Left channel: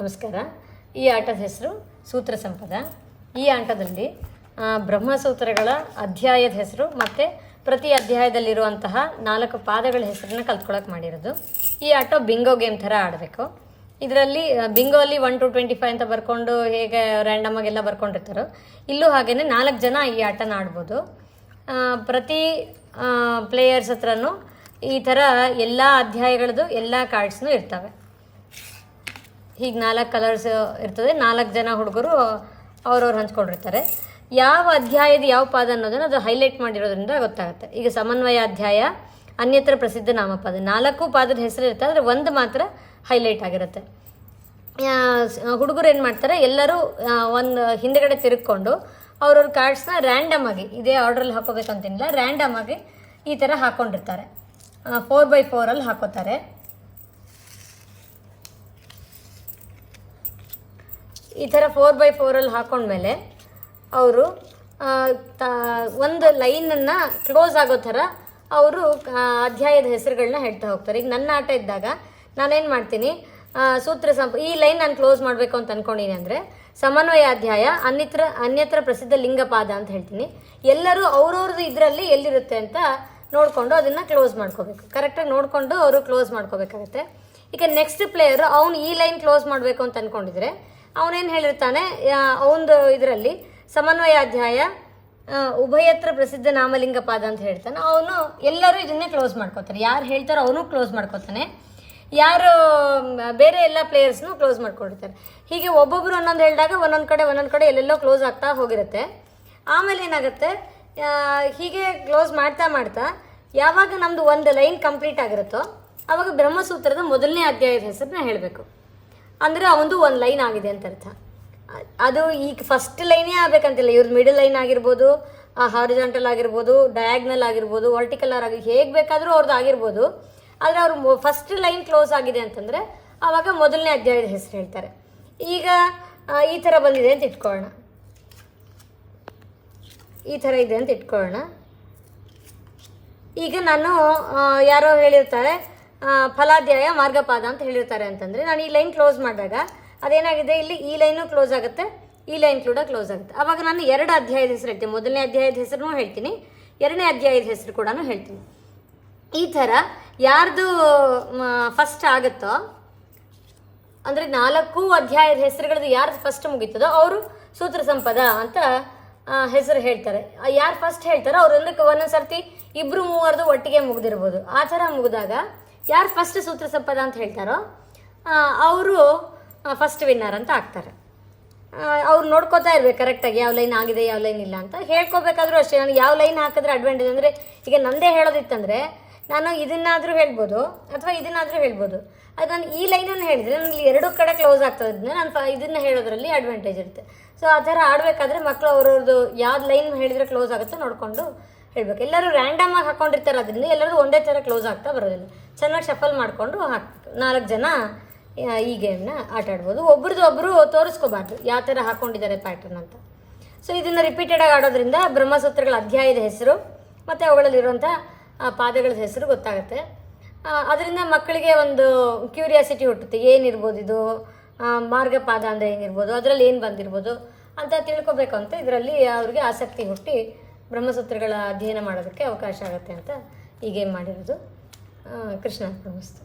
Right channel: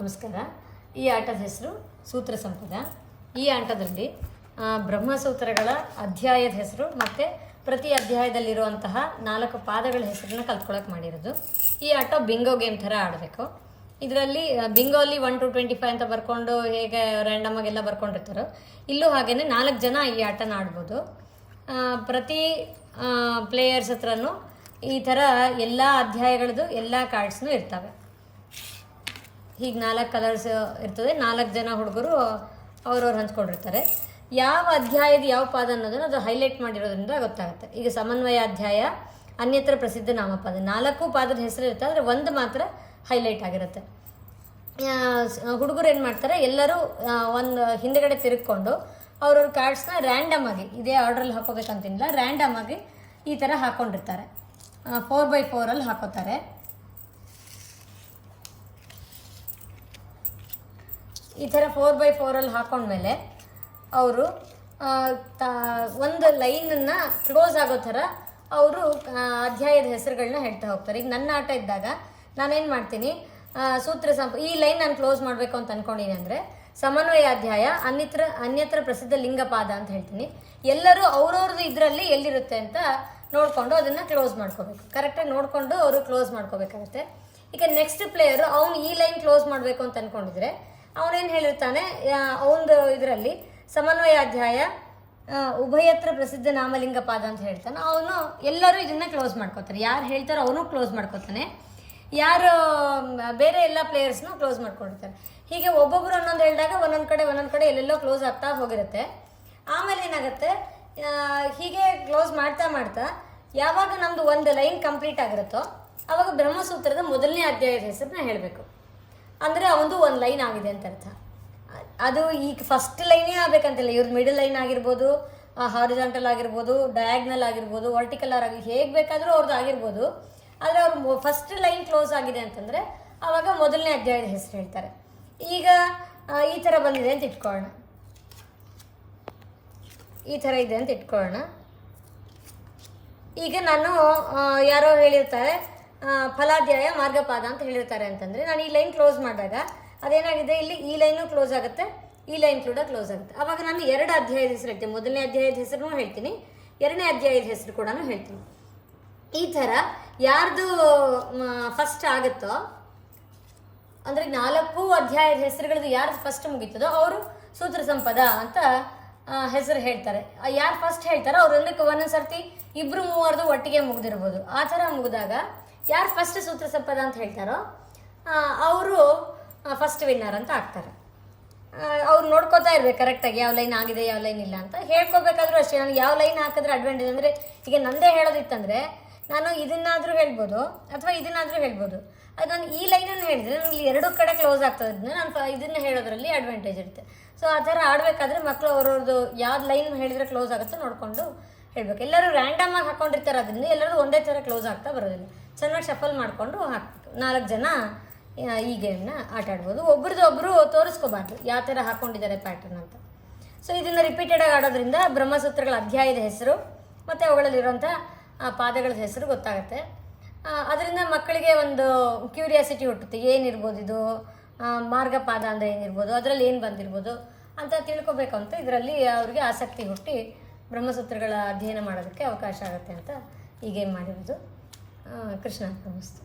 ನಮಸ್ಕಾರ. ಈ ಆಟದ ಹೆಸರು ಸೂತ್ರ ಸಂಪದ. ಈ ಆಟದಲ್ಲಿ ಬ್ರಹ್ಮಸೂತ್ರಗಳ ಅಧ್ಯಾಯದ ಹೆಸರು ಮತ್ತು ಪ್ರತಿ ಅಧ್ಯಾಯದಲ್ಲಿರುವಂತಹ 4 ಪಾದಗಳ ಹೆಸರನ್ನ ಕಲ್ತ್ಕೊಳ್ಳೋಕೆ ಮಾಡಿರೋದು. ಈ ಆಟ ಬಿಂಗೋ ಗೇಮ್ ಥರ ಆಡಬೇಕು. ಇದರಲ್ಲಿ ಬಿಂಗೋ ಅಲ್ಲಿ 1 to 25 ಅಂತ ಬರ್ಕೊಂಡು ಹೇಗೆ ರ್ಯಾಂಡಮ್ ಆಗೆಲ್ಲ ಬರ್ಕೊಂಡಿರ್ತಾರೋ, ಇಲ್ಲೂ ಹಾಗೇನೆ 4 ಜನ ಈ ಆಟನ ಆಡ್ಬೋದು. ಪ್ರತಿ ಪ್ಲೇಯರ್ಸ್ ಹತ್ರನೂ ಈ ಥರ ಎಲ್ಲ ಅಧ್ಯಾಯಗಳದ್ದು ಎಲ್ಲ ಕಾರ್ಡ್ಸ್ನೂ ಇರ್ತವೆ. ಹೀಗೆ 4 ಕಲರ್ಸ್ ಇರ್ತದೆ. 4 ಜನ ಹುಡುಗರು ಅವ್ರವ್ರು ಹಂಚ್ಕೊಂಡಿರ್ತಾರೆ. ಯಾವ ಅಧ್ಯಾಯದ ಯಾವ ಪಾದ ಅನ್ನೋದನ್ನು ಅದು ಹೈಲೈಟ್ ಮಾಡಿರೋದ್ರಿಂದ ಗೊತ್ತಾಗುತ್ತೆ. ಈಗ ಸಮನ್ವಯ ಅಧ್ಯಾಯ, ಅನ್ಯತ್ರ ಪ್ರಸಿದ್ಧ ನಾಮಪದ, 4 ಪಾದದ ಹೆಸರು ಇರುತ್ತೆ, ಆದರೆ ಒಂದು ಮಾತ್ರ ಹೈಲೈಟ್ ಆಗಿರುತ್ತೆ. ಹುಡುಗರು ಏನು ಮಾಡ್ತಾರೆ, ಎಲ್ಲರೂ ಒಂದು ಹಿಂದುಗಡೆ ತಿರುಗಿಕೊಂಡು ಅವ್ರವ್ರ ಕಾರ್ಡ್ಸ್ನ ರ್ಯಾಂಡಮ್ ಆಗಿ, ಇದೇ ಆರ್ಡ್ರಲ್ಲಿ ಹಾಕೋಬೇಕಂತೇನಿಲ್ಲ, ರ್ಯಾಂಡಮ್ ಆಗಿ ಈ ಥರ ಹಾಕ್ಕೊಂಡಿರ್ತಾರೆ. 4x4 ಅಲ್ಲಿ ಹಾಕೋತಾರೆ. ಈ ಥರ 4x4 ಅಲ್ಲಿ ಹಾಕೊಂಡ್ಮೇಲೆ ಅವರು ಒಂದು ಲೈನನ್ನು ಕ್ಲೋಸ್ ಆಗೋ ಥರ ಅವರು ಅಧ್ಯಾಯದ ಹೆಸರುಗಳನ್ನ ಹೇಳ್ತಾ ಹೋಗ್ತಾರೆ. ಈಗ ನನ್ನ ಆಟ ಇದ್ದಾಗ ನಾನೇನು ಮಾಡ್ತೀನಿ, ಈ ಲೈನ್ ನಾನು ಕ್ಲೋಸ್ ಮಾಡಬೇಕು ಅಂತ ಅಂದ್ಕೊಂಡಿನಿ ಅಂದರೆ ಸಮನ್ವಯ ಅಧ್ಯಾಯ, ಅನ್ಯತ್ರ ಪ್ರಸಿದ್ಧ ಲಿಂಗಪಾದ ಅಂತ ಹೇಳ್ತೀನಿ. ಎಲ್ಲರೂ ಅವ್ರವ್ರದ್ದು ಇದರಲ್ಲಿ ಎಲ್ಲಿರುತ್ತೆ ಅಂತ ನೋಡಿಕೊಂಡು ಅದನ್ನು ಕ್ಲೋಸ್ ಮಾಡ್ಕೋಬೇಕು. ಕರೆಕ್ಟಾಗಿ ನೋಡಿಕೊಂಡು ಅವರು ಕ್ಲೋಸ್ ಮಾಡ್ಕೋಬೇಕಾಗತ್ತೆ. ಈಗ ನೆಕ್ಸ್ಟ್ ಪ್ಲೇಯರು ಅವನು ಈ ಲೈನ್ ಕ್ಲೋಸ್ ಮಾಡಬೇಕು ಅಂತ ಅಂದ್ಕೊಂಡಿದ್ರೆ ಅವನೇನು ಹೇಳಿರ್ತಾನೆ, ಅವನದು ಇದರಲ್ಲಿ ಸಮನ್ವಯ ಅಧ್ಯಾಯ ಉಭಯತ್ರ ಪ್ರಸಿದ್ಧ ನಾಮಲಿಂಗಪಾದ ಅಂತ ಹೇಳ್ತಾನೆ. ಅವನು ಎಲ್ಲರೂ ಇದನ್ನೇ ಕ್ಲೋಸ್ ಮಾಡ್ಕೋತಾರೆ. ಯಾರು ಹೇಳ್ತಾರೋ ಅವನು ಕ್ಲೋಸ್ ಮಾಡ್ಕೋತಾನೆ, ಯಾರು ಬೇರೆ ಎಲ್ಲ ಪ್ಲೇಯರ್ಸ್ನು ಕ್ಲೋಸ್ ಮಾಡ್ಕೊಂಡಿರ್ತಾರೆ. ಹೀಗೆ ಒಬ್ಬೊಬ್ಬರು ಒಂದೊಂದು ಹೇಳಿದಾಗ ಒಂದೊಂದು ಕಡೆ ಎಲ್ಲೆಲ್ಲೋ ಕ್ಲೋಸ್ ಆಗ್ತಾ ಹೋಗಿರುತ್ತೆ. ಆಮೇಲೆ ಏನಾಗುತ್ತೆ, ಹೀಗೆ ಕ್ಲೋಸ್ ಮಾಡ್ತಾ ಯಾವಾಗ ನಮ್ಮದು ಒಂದು ಲೈನ್ ಕಂಪ್ಲೀಟ್ ಆಗಿರುತ್ತೋ ಆವಾಗ ಬ್ರಹ್ಮಸೂತ್ರದ ಮೊದಲನೇ ಅಧ್ಯಾಯದ ಹೆಸರನ್ನ ಹೇಳಬೇಕು. ಅಂದರೆ ಅವನದು ಒಂದು ಲೈನ್ ಆಗಿದೆ ಅಂತ ಅರ್ಥ. ಅದು ಈಗ ಫಸ್ಟ್ ಲೈನೇ ಆಗಬೇಕಂತಿಲ್ಲ. ಇವ್ರದ್ದು ಮಿಡಲ್ ಲೈನ್ ಆಗಿರ್ಬೋದು, ಹಾರಿಜಾಂಟಲ್ ಆಗಿರ್ಬೋದು, ಡಯಾಗ್ನಲ್ ಆಗಿರ್ಬೋದು, ವರ್ಟಿಕಲ್ ಹೇಗೆ ಬೇಕಾದರೂ ಅವ್ರದ್ದು ಆಗಿರ್ಬೋದು. ಆದರೆ ಅವರು ಫಸ್ಟ್ ಲೈನ್ ಕ್ಲೋಸ್ ಆಗಿದೆ ಅಂತಂದರೆ ಆವಾಗ ಮೊದಲನೇ ಅಧ್ಯಾಯದ ಹೆಸರು ಹೇಳ್ತಾರೆ. ಈಗ ಈ ಥರ ಬಂದಿದೆ ಅಂತ ಇಟ್ಕೊಳ್ಳೋಣ, ಈ ಥರ ಇದೆ ಅಂತ ಇಟ್ಕೊಳ್ಳೋಣ. ಈಗ ನಾನು ಯಾರೋ ಹೇಳಿರ್ತಾರೆ ಫಲಾಧ್ಯಾಯ ಮಾರ್ಗಪಾದ ಅಂತ ಹೇಳಿರ್ತಾರೆ ಅಂತಂದರೆ ನಾನು ಈ ಲೈನ್ ಕ್ಲೋಸ್ ಮಾಡಿದಾಗ ಅದೇನಾಗಿದೆ, ಇಲ್ಲಿ ಈ ಲೈನು ಕ್ಲೋಸ್ ಆಗುತ್ತೆ, ಈ ಲೈನ್ ಕೂಡ ಕ್ಲೋಸ್ ಆಗುತ್ತೆ. ಆವಾಗ ನಾನು 2 ಅಧ್ಯಾಯದ ಹೆಸರು ಹೇಳ್ತೀನಿ. ಮೊದಲನೇ ಅಧ್ಯಾಯದ ಹೆಸರು ಹೇಳ್ತೀನಿ, 2ನೇ ಅಧ್ಯಾಯದ ಹೆಸರು ಕೂಡ ಹೇಳ್ತೀನಿ. ಈ ಥರ ಯಾರ್ದು ಫಸ್ಟ್ ಆಗುತ್ತೋ, ಅಂದರೆ 4 ಅಧ್ಯಾಯದ ಹೆಸರುಗಳದ್ದು ಯಾರ್ದು ಫಸ್ಟ್ ಮುಗೀತದೋ ಅವರು ಸೂತ್ರ ಸಂಪದ ಅಂತ ಹೆಸರು ಹೇಳ್ತಾರೆ. ಯಾರು ಫಸ್ಟ್ ಹೇಳ್ತಾರೋ ಅವ್ರೊಂದಕ್ಕೆ ಒಂದೊಂದು ಸರ್ತಿ 2-3 ಒಟ್ಟಿಗೆ ಮುಗ್ದಿರ್ಬೋದು. ಆ ಥರ ಮುಗಿದಾಗ ಯಾರು ಫಸ್ಟ್ ಸೂತ್ರ ಸಂಪದ ಅಂತ ಹೇಳ್ತಾರೋ ಅವರು ಫಸ್ಟ್ ವಿನ್ನರ್ ಅಂತ ಆಗ್ತಾರೆ. ಅವ್ರು ನೋಡ್ಕೋತಾ ಇರ್ಬೇಕು ಕರೆಕ್ಟಾಗಿ ಯಾವ ಲೈನ್ ಆಗಿದೆ ಯಾವ ಲೈನ್ ಇಲ್ಲ ಅಂತ. ಹೇಳ್ಕೋಬೇಕಾದ್ರೂ ಅಷ್ಟೇ, ನನಗೆ ಯಾವ ಲೈನ್ ಹಾಕಿದ್ರೆ ಅಡ್ವಾಂಟೇಜ್ ಅಂದರೆ, ಈಗ ನನ್ನದೇ ಹೇಳೋದಿತ್ತಂದರೆ ನಾನು ಇದನ್ನಾದರೂ ಹೇಳ್ಬೋದು ಅಥವಾ ಇದನ್ನಾದರೂ ಹೇಳ್ಬೋದು. ಅದು ನಾನು ಈ ಲೈನನ್ನು ಹೇಳಿದರೆ ನನಗೆ 2 ಕಡೆ ಕ್ಲೋಸ್ ಆಗ್ತದೆ, ನಾನು ಇದನ್ನು ಹೇಳೋದ್ರಲ್ಲಿ ಅಡ್ವಾಂಟೇಜ್ ಇರುತ್ತೆ. ಸೊ ಆ ಥರ ಆಡಬೇಕಾದ್ರೆ ಮಕ್ಕಳು ಅವ್ರವ್ರದ್ದು ಯಾವ್ದು ಲೈನ್ ಹೇಳಿದರೆ ಕ್ಲೋಸ್ ಆಗುತ್ತೋ ನೋಡಿಕೊಂಡು ಹೇಳಬೇಕು. ಎಲ್ಲರೂ ರ್ಯಾಂಡಮ್ ಆಗಿ ಹಾಕ್ಕೊಂಡಿರ್ತಾರೆ, ಅದರಿಂದ ಎಲ್ಲರೂ ಒಂದೇ ಥರ ಕ್ಲೋಸ್ ಆಗ್ತಾ ಬರೋದಿಲ್ಲ. ಚೆನ್ನಾಗಿ ಶಫಲ್ ಮಾಡಿಕೊಂಡು ಹಾಕಬೇಕು. 4 ಜನ ಈ ಗೇಮ್ನ ಆಟ ಆಡ್ಬೋದು. ಒಬ್ರದ್ದು ತೋರಿಸ್ಕೋಬಾರ್ದು ಯಾವ ಥರ ಹಾಕ್ಕೊಂಡಿದ್ದಾರೆ ಪ್ಯಾಟರ್ನ್ ಅಂತ. ಸೊ ಇದನ್ನು ರಿಪೀಟೆಡಾಗಿ ಆಡೋದ್ರಿಂದ ಬ್ರಹ್ಮಸೂತ್ರಗಳ ಅಧ್ಯಾಯದ ಹೆಸರು ಮತ್ತು ಅವುಗಳಲ್ಲಿರುವಂಥ ಪಾದಗಳ ಹೆಸರು ಗೊತ್ತಾಗುತ್ತೆ. ಅದರಿಂದ ಮಕ್ಕಳಿಗೆ ಒಂದು ಕ್ಯೂರಿಯಾಸಿಟಿ ಹುಟ್ಟುತ್ತೆ, ಏನಿರ್ಬೋದು ಇದು ಮಾರ್ಗಪಾದ ಅಂದರೆ ಏನಿರ್ಬೋದು, ಅದರಲ್ಲಿ ಏನು ಬಂದಿರ್ಬೋದು ಅಂತ ತಿಳ್ಕೊಬೇಕು ಅಂತ ಇದರಲ್ಲಿ ಅವ್ರಿಗೆ ಆಸಕ್ತಿ ಹುಟ್ಟಿ ಬ್ರಹ್ಮಸೂತ್ರಗಳ ಅಧ್ಯಯನ ಮಾಡೋದಕ್ಕೆ ಅವಕಾಶ ಆಗುತ್ತೆ ಅಂತ ಈ ಗೇಮ್ ಮಾಡಿರೋದು. ಕೃಷ್ಣ ನಮಸ್ತೆ.